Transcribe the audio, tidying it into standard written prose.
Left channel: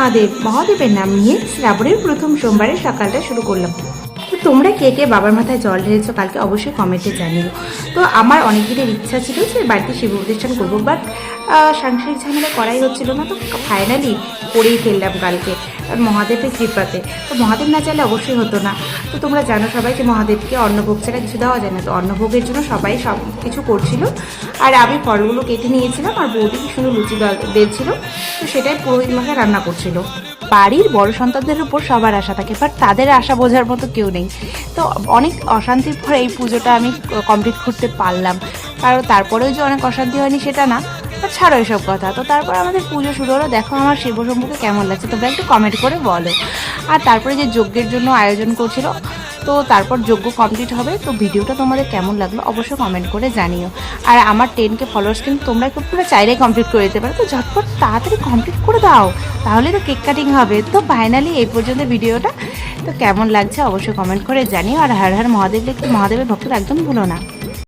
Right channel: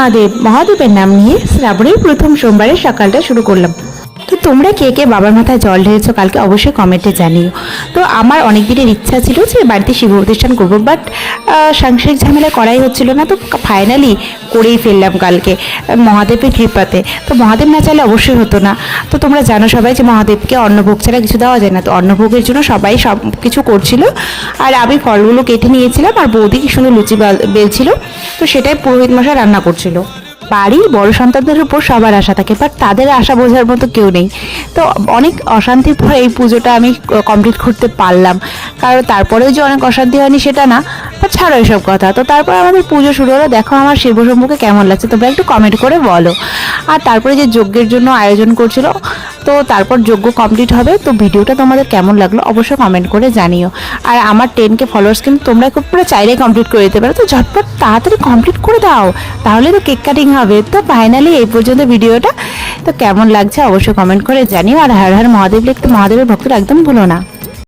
মহাদেব। মহাদেবের নাম নিয়ে শ্রাবণের প্রথম সোমবারের সকালটা শুরু করলাম। তো তোমরা কে কে বাবার মাথায় জল ঢেলেছো কালকে অবশ্যই কমেন্টে জানিও। তো আমার অনেক দিনের ইচ্ছা ছিল যে বাড়িতে শিব প্রতিষ্ঠান করবো, বাট সাংসারিক ঝামেলা করাই হচ্ছিল না। তো ফাইনালি করেই ফেললাম কালকে মহাদেবের কৃপাতে। তো মহাদেব না চাইলে অবশ্যই হতো না। তো তোমরা জানো সবাই যে মহাদেবকে অন্নভোগ ছাড়া কিছু দেওয়া যায় না। তো অন্নভোগের জন্য সবাই সব কিছু করছিল, আর আমি ফলগুলো কেটে নিয়েছিলাম, আর বৌদি কি সুন্দর লুচি বেলছিল। তো সেটাই পুরোহিত মশাই রান্না করছিল। বাড়ির বড় সন্তানদের উপর সবার আশা থাকে, বাট তাদের আশা বোঝার মতো কেউ নেই। তো অনেক অশান্তির পর এই পুজোটা আমি কমপ্লিট করতে পারলাম। কারণ তারপরেও যে অনেক অশান্তি হয়নি সেটা না, বাট ছাড়ো এসব কথা। তো তারপর আমাদের পুজো শুরু হলো। দেখো আমার শিব সম্পর্কে কেমন লাগছে তোমরা একটু কমেন্ট করে বলো। আর তারপরে যে যজ্ঞের জন্য আয়োজন করছিল, তো তারপর যজ্ঞ কমপ্লিট হবে। তো ভিডিওটা তোমাদের কেমন লাগলো অবশ্যই কমেন্ট করে জানিও। আর আমার 10K ফলোয়ার্স কিন্তু তোমরা খুব পুরো চাইলে কমপ্লিট করে দিতে পারো। তো ঝটপট তাড়াতাড়ি কমপ্লিট করে দাও, তাহলে তো কেক কাটিং হবে। তো ফাইনালি এই পর্যন্ত ভিডিওটা। তো কেমন লাগছে অবশ্যই কমেন্ট করে জানিও। আর হর হর মহাদেব লিখতে মহাদেবের ভক্তরা একদম ভুলো না।